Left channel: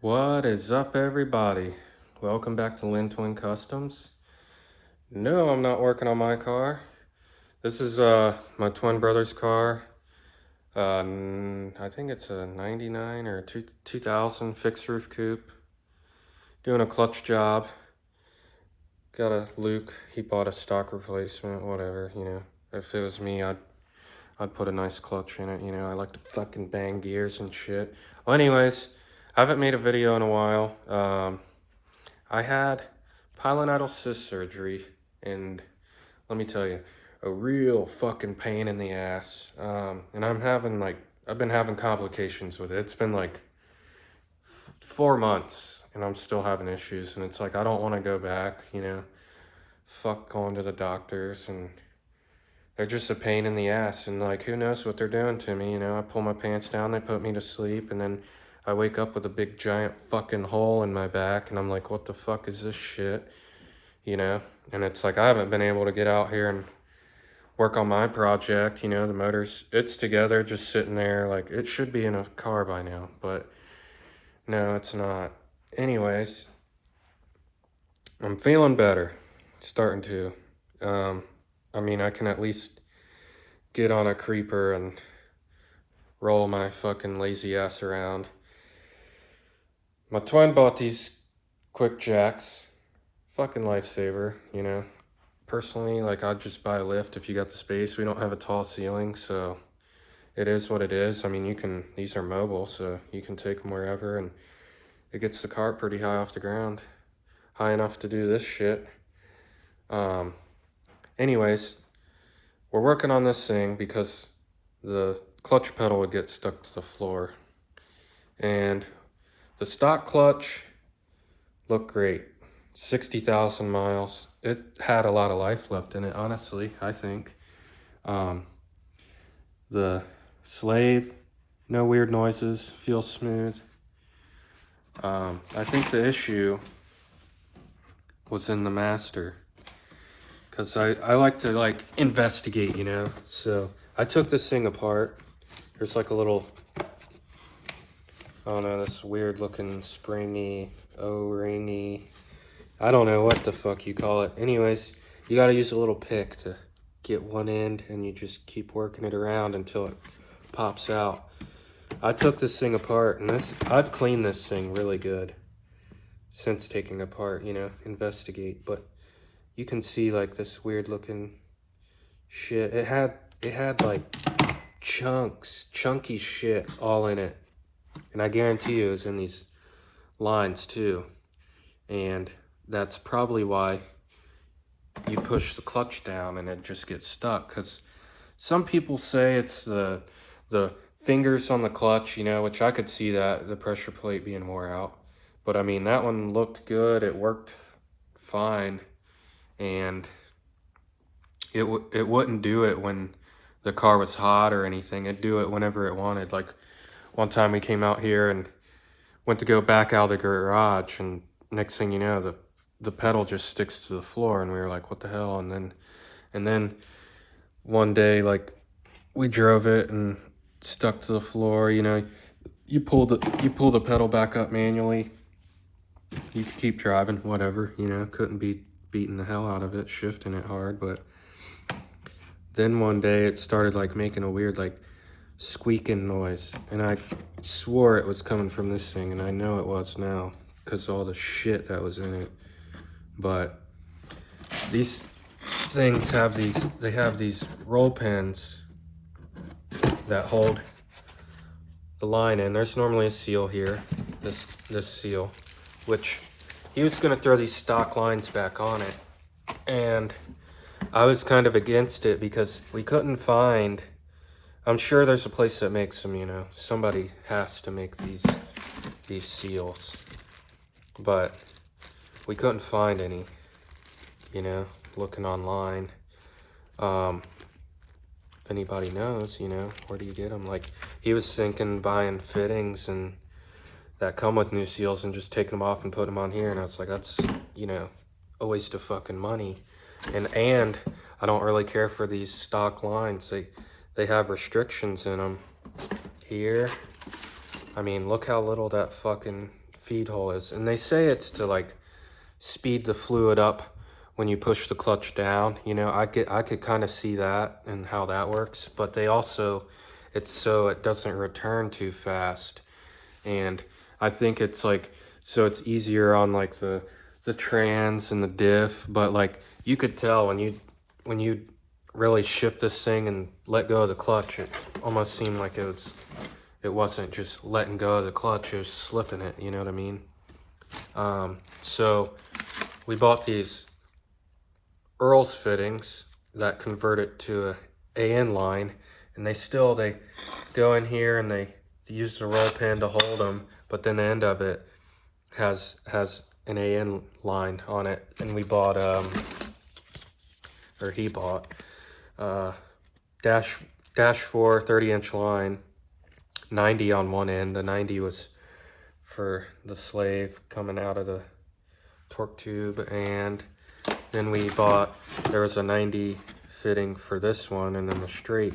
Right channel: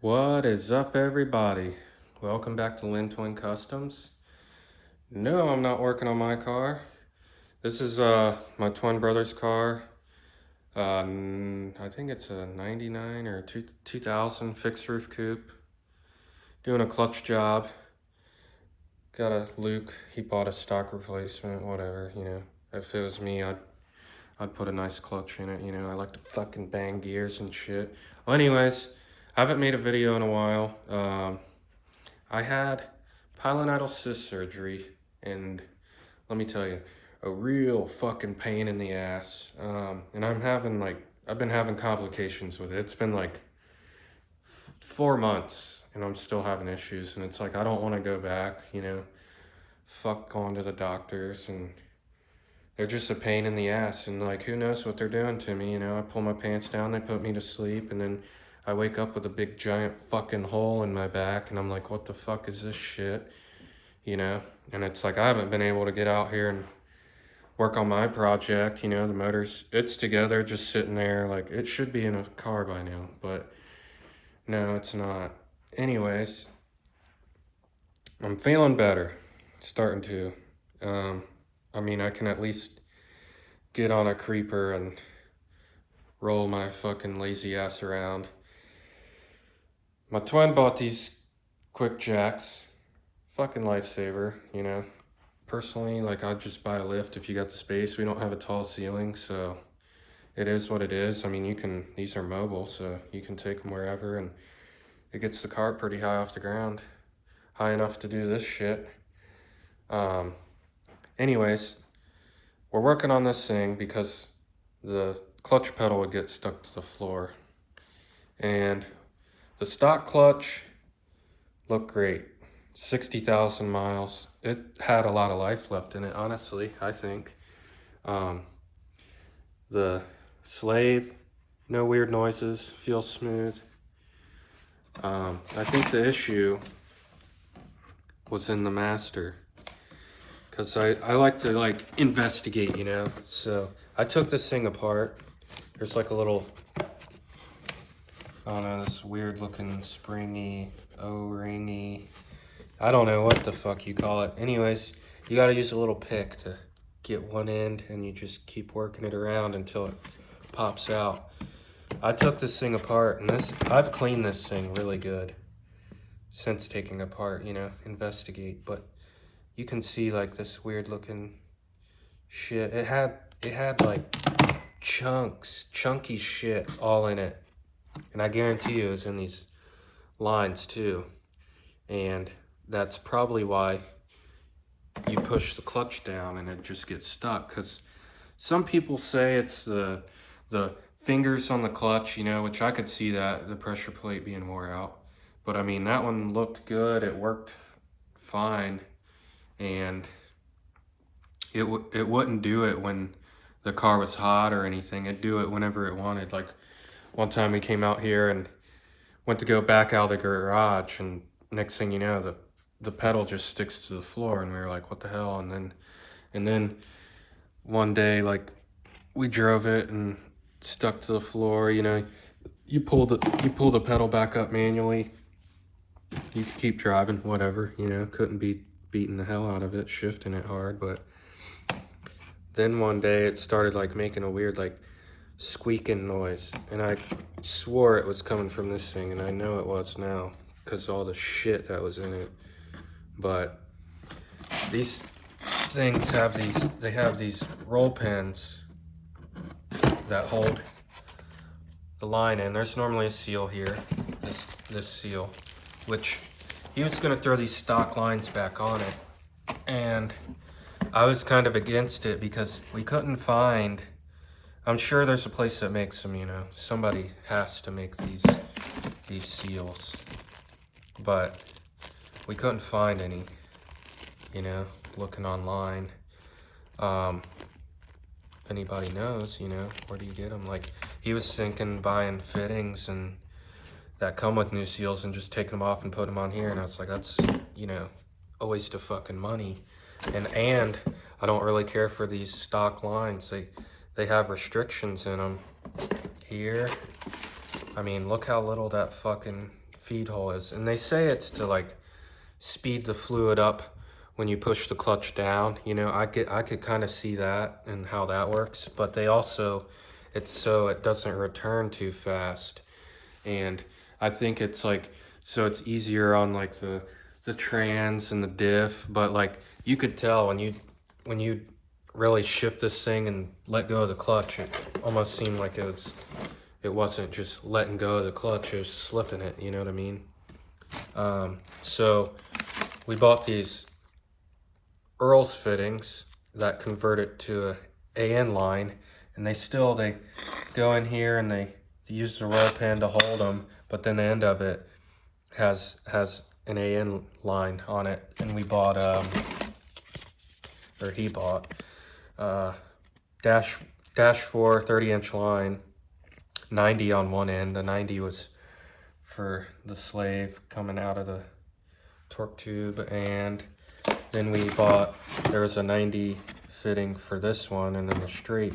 What is up, everybody? Welcome back to Lin Twin Customs. No, I'm not working on my car. This is my twin brother's car. I think it's a 99 or 2000 fixed roof coupe. Doing a clutch job. Got a Luke. He bought a stock replacement, whatever, you know. If it was me, I'd put a nice clutch in it, you know. I like to fucking bang gears and shit. Well, anyways, I haven't made a video in a while. I had pilonidal cyst surgery, and let me tell you, a real fucking pain in the ass. And I've been having complications with it. It's been like 4 months, and I'm still having issues. And it's like, I don't want to go back, you know. Fuck going to the doctors, and they're just a pain in the ass. And like, who knows what they're doing to me, you know. I pull my pants down, they put me to sleep, and then I wake up with a big giant fucking hole in my back, and I'm like, what the fuck is this shit? You know? And it's like, I haven't been able to get out here and work on my project, you know, the motor's, it's together, just sitting there, like, it should be in a car by now, but no, it's not. Anyways, I'm feeling better, starting to. I mean, I can at least get on a creeper and roll my fucking lazy ass around. My twin bought these quick jacks. Fucking lifesaver, you know. Personally, like, I'd just buy a lift if you got the space. We don't have a tall ceiling, so it is what it is. I mean, these are mobile, so you can take them wherever, and it gets the car pretty high off the ground. High enough to do this shit. Anyways, we're working on this thing because the clutch pedal would get stuck to the floor. And the stock clutch looked great. 60,000 miles. It had a lot of life left in it, honestly, I think. The slave, no weird noises, feels smooth. I think the issue was in the master, because I like to like investigate, you know. So I took this thing apart. There's like a little, I don't know, this weird looking springy, O-ringy, I don't know what the fuck you call it. Anyways, you gotta use a little pick to get one end, and you just keep working it around until it pops out. I took this thing apart, and I've cleaned this thing really good since taking apart, you know, investigate, but you can see like this weird looking shit. It had like chunky shit all in it. And I guarantee you it was in these lines too. And that's probably why you push the clutch down and it just gets stuck. Because some people say it's the fingers on the clutch, you know, which I could see that, the pressure plate being wore out. But I mean, that one looked good. It worked fine. And it wouldn't do it when the car was hot or anything. It'd do it whenever it wanted. Like, one time we came out here and went to go back out of the garage, and next thing you know, the pedal just sticks to the floor, and we were like, what the hell? And then one day, like, we drove it and stuck to the floor, you know. You pull the pedal back up manually. You keep driving, whatever, you know. Couldn't be beating the hell out of it, shifting it hard. But then one day it started like making a weird like squeaking noise, and I swore it was coming from this thing, and I know it was now because of all the shit that was in it. But these things have these roll pins that hold the line in. There's normally a seal here, this seal, which he was gonna throw these stock lines back on it, and I was kind of against it because we couldn't find, I'm sure there's a place that makes them, you know, somebody has to make these seals, but we couldn't find any, you know, looking online. If anybody knows, you know, where do you get them? Like, he was thinking buying fittings and that come with new seals and just taking them off and putting them on here, and I was like, that's, you know, a waste of fucking money. And I don't really care for these stock lines. They have restrictions in them here. I mean, look how little that fucking feed hole is. And they say it's to like speed the fluid up when you push the clutch down. You know, I could kind of see that and how that works, but they also, it's so it doesn't return too fast. And I think it's like, so it's easier on like the trans and the diff, but like you could tell when you really shift this thing and let go of the clutch, it almost seemed like it wasn't just letting go of the clutch, it was slipping it, you know what I mean? So we bought these Earl's fittings that convert it to a AN line, and they go in here and they use the roll pin to hold them, but then the end of it has an AN line on it. And we bought or he bought dash 4 30-inch line, 90 on one end. The 90 was for the slave coming out of the torque tube, and then we bought, there was a 90 fitting for this one, and then the straight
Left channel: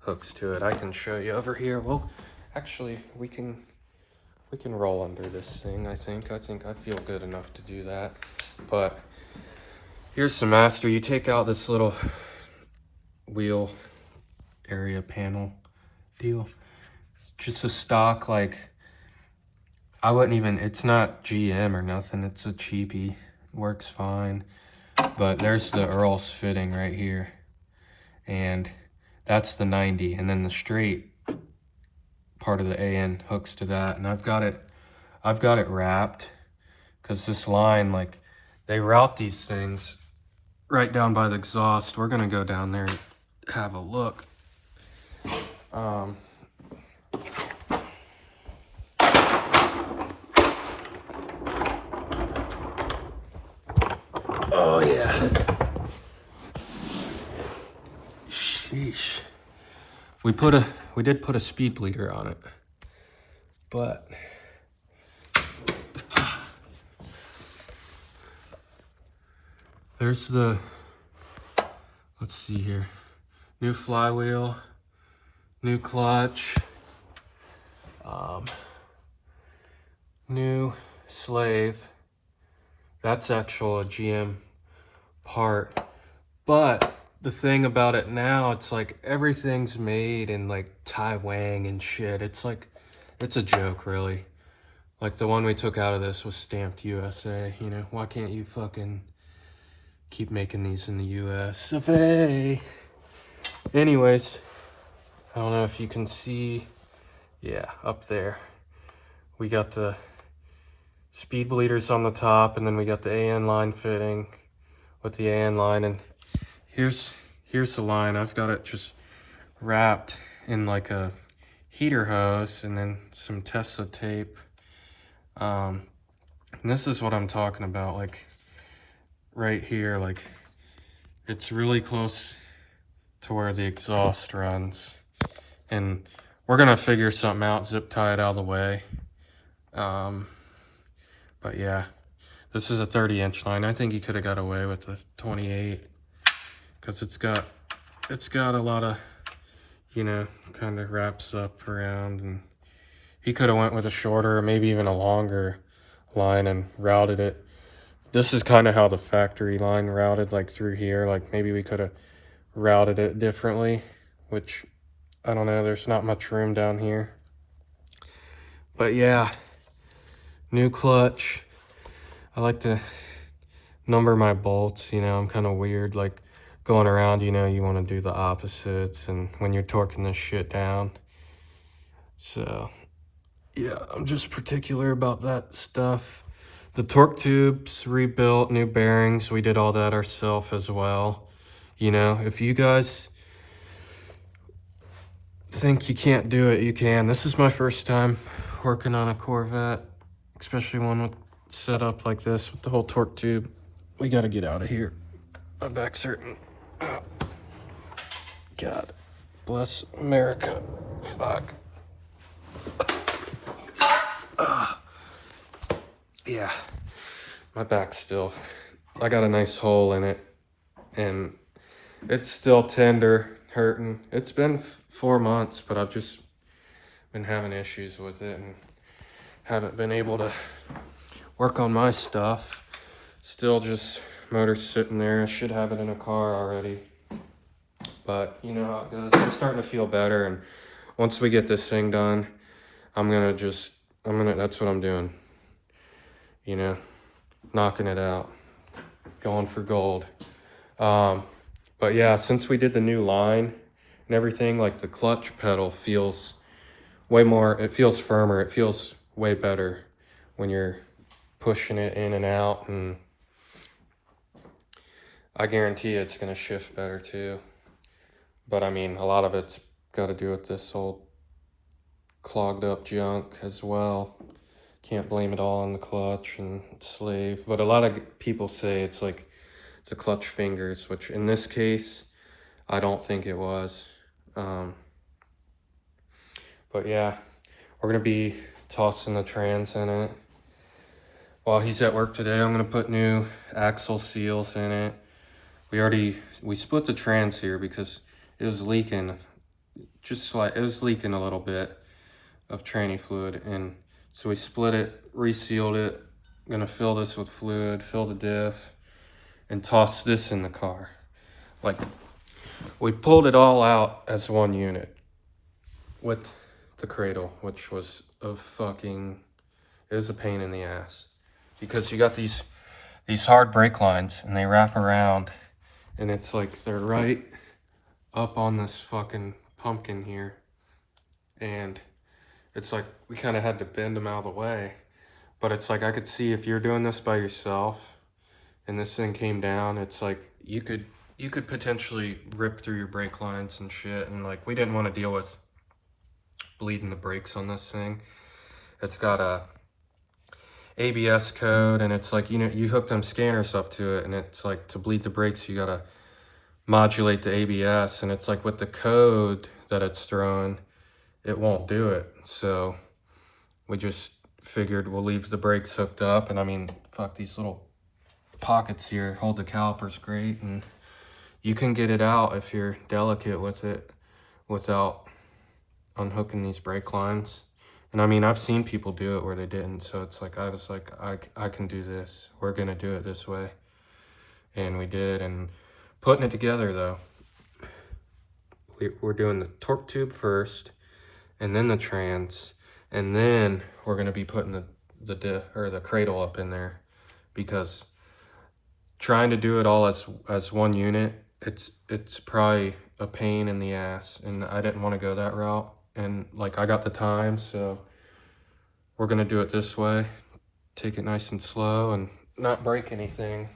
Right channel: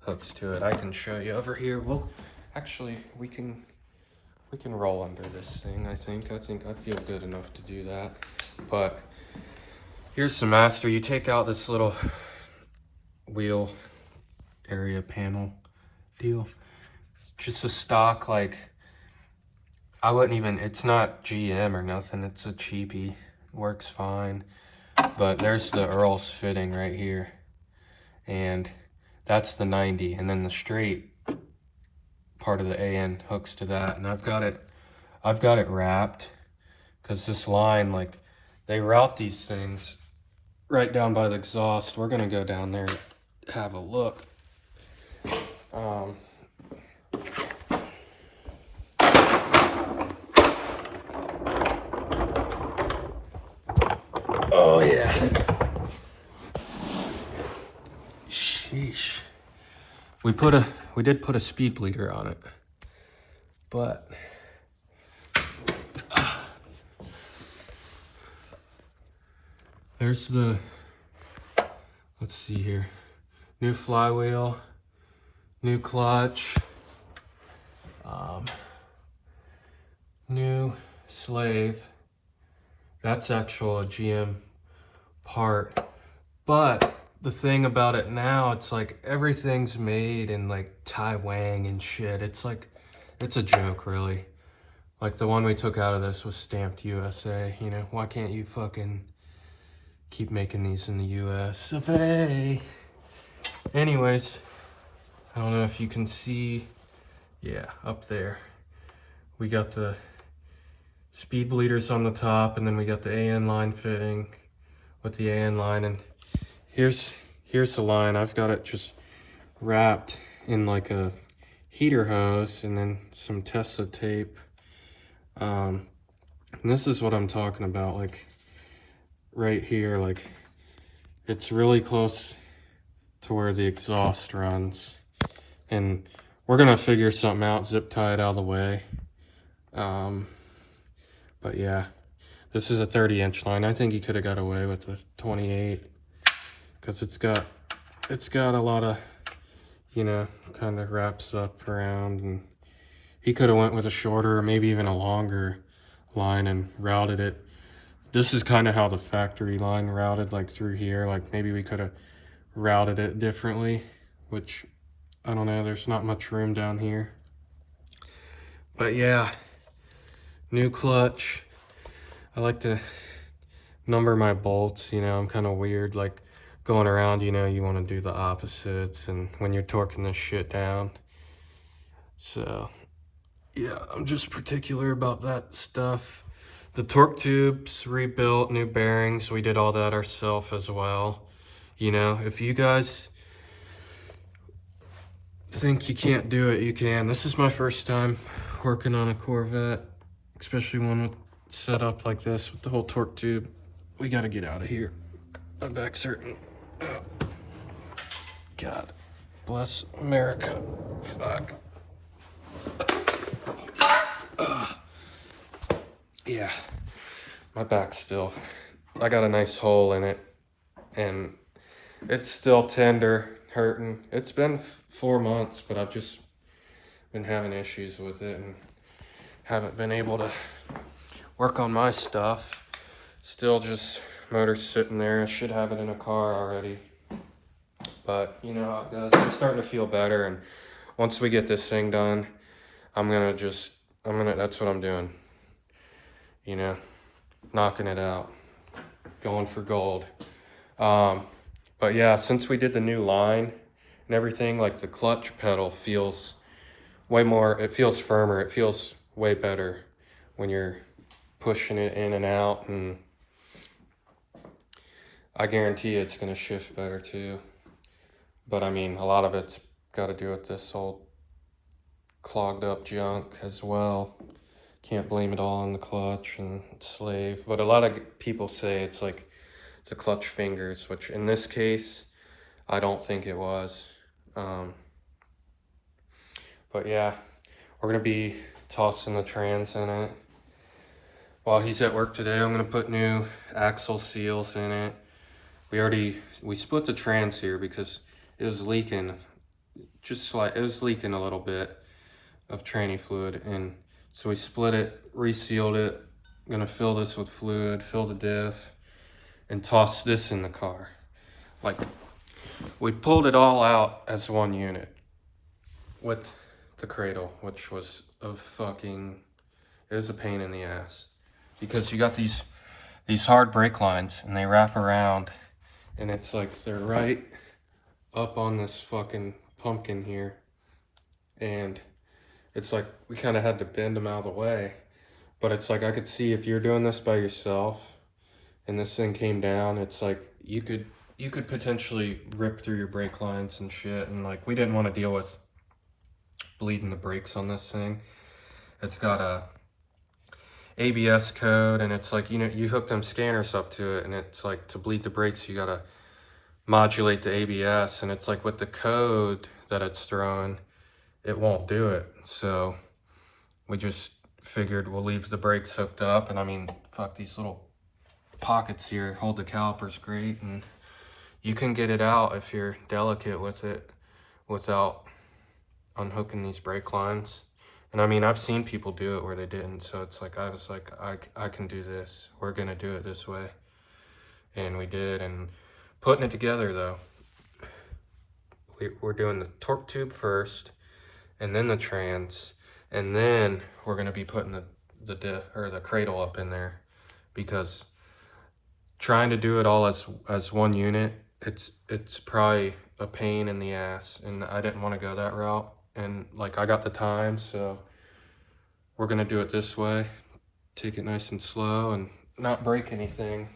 hooks to it. I can show you over here. Well, actually, we can roll under this thing. I think I feel good enough to do that. But here's the master. You take out this little wheel area panel deal. It's just a stock, like, I wouldn't even, it's not GM or nothing, it's a cheapie, works fine. But there's the Earl's fitting right here, and that's the 90, and then the straight part of the AN hooks to that. And I've got it wrapped, because this line, like, they route these things right down by the exhaust. We're gonna go down there and have a look. Oh yeah. Sheesh. We did put a speed bleeder on it, but there's the, let's see here, new flywheel, new clutch, new slave. That's actual a GM part. But the thing about it now, it's like everything's made in like Taiwan and shit. It's like, it's a joke, really. Like the one we took out of this was stamped USA, you know? Why can't you fucking keep making these in the US of A? Anyways, I don't know if you can see, yeah, up there. We got the speed bleeders on the top, and then we got the AN line fitting with the AN line, and here's the line. I've got it just wrapped in like a heater hose and then some Tesla tape. And this is what I'm talking about, like right here, like it's really close to where the exhaust runs, and we're gonna figure something out, zip tie it out of the way. But yeah, this is a 30-inch line. I think he could have got away with a 28, because it's got a lot of, you know, kind of wraps up around, and he could have went with a shorter, maybe even a longer line and routed it. This is kind of how the factory line routed, like through here. Like maybe we could have routed it differently, which I don't know, there's not much room down here. But yeah, new clutch. I like to number my bolts, you know, I'm kind of weird, like going around, you know, you want to do the opposites, and when you're torquing this shit down. So yeah, I'm just particular about that stuff. The torque tubes rebuilt, new bearings, we did all that ourselves as well. You know, if you guys think you can't do it, you can. This is my first time working on a Corvette, especially one with set up like this with the whole torque tube. We gotta get out of here. I'm back certain. God bless America. Fuck. Yeah, my back's still, I got a nice hole in it, and it's still tender, hurting. It's been 4 months, but I've just been having issues with it and haven't been able to work on my stuff. Still just motor's sitting there. I should have it in a car already. But you know how it goes. I'm starting to feel better, and once we get this thing done, that's what I'm doing. You know, knocking it out, going for gold. But yeah, since we did the new line and everything, like the clutch pedal feels way more, it feels firmer, it feels way better when you're pushing it in and out, and I guarantee it's gonna shift better too. But I mean, a lot of it's got to do with this whole clogged up junk as well. Can't blame it all on the clutch and slave. But a lot of people say it's like the clutch fingers, which in this case, I don't think it was. But yeah, we're gonna be tossing the trans in it. While he's at work today, I'm gonna put new axle seals in it. We split the trans here because it was leaking, it was leaking a little bit of tranny fluid, and so we split it, resealed it. Gonna fill this with fluid, fill the diff, and toss this in the car. Like, we pulled it all out as one unit with the cradle, which was it was a pain in the ass, because you got these hard brake lines and they wrap around, and it's like they're right up on this fucking pumpkin here, and it's like we kind of had to bend them out of the way. But it's like I could see if you're doing this by yourself and this thing came down, it's like you could potentially rip through your brake lines and shit. And like, we didn't want to deal with bleeding the brakes on this thing. It's got a ABS code, and it's like, you know, you hook them scanners up to it, and it's like, to bleed the brakes you gotta modulate the ABS, and it's like with the code that it's thrown, it won't do it. So we just figured we'll leave the brakes hooked up. And I mean, fuck, these little pockets here hold the calipers great, and you can get it out if you're delicate with it without unhooking these brake lines. And I mean, I've seen people do it where they didn't, so it's like, I was like, I can do this. We're gonna do it this way. And we did. And putting it together though, we're doing the torque tube first, and then the trans, and then we're gonna be putting the diff or the cradle up in there, because trying to do it all as one unit, it's probably a pain in the ass, and I didn't want to go that route. And like, I got the time, so we're gonna do it this way, take it nice and slow and not break anything.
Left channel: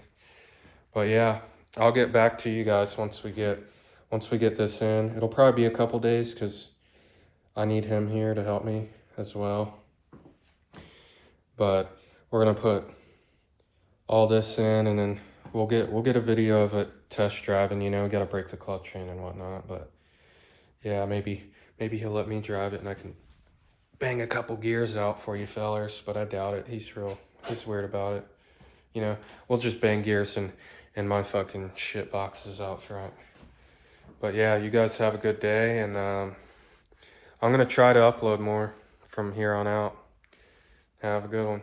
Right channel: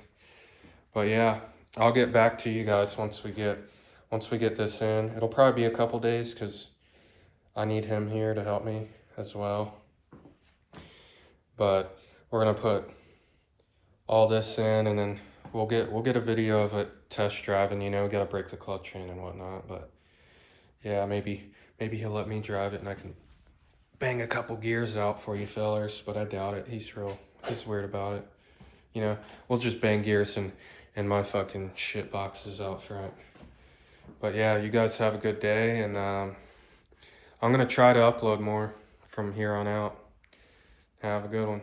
But yeah, I'll get back to you guys once we get this in. It'll probably be a couple days because I need him here to help me as well. But we're gonna put all this in, and then we'll get a video of it test driving, you know, gotta break the clutch in and whatnot. But yeah, maybe he'll let me drive it and I can bang a couple gears out for you fellers, but I doubt it. He's weird about it. You know, we'll just bang gears in my fucking shit boxes out front. But yeah, you guys have a good day, and I'm gonna try to upload more from here on out. Have a good one.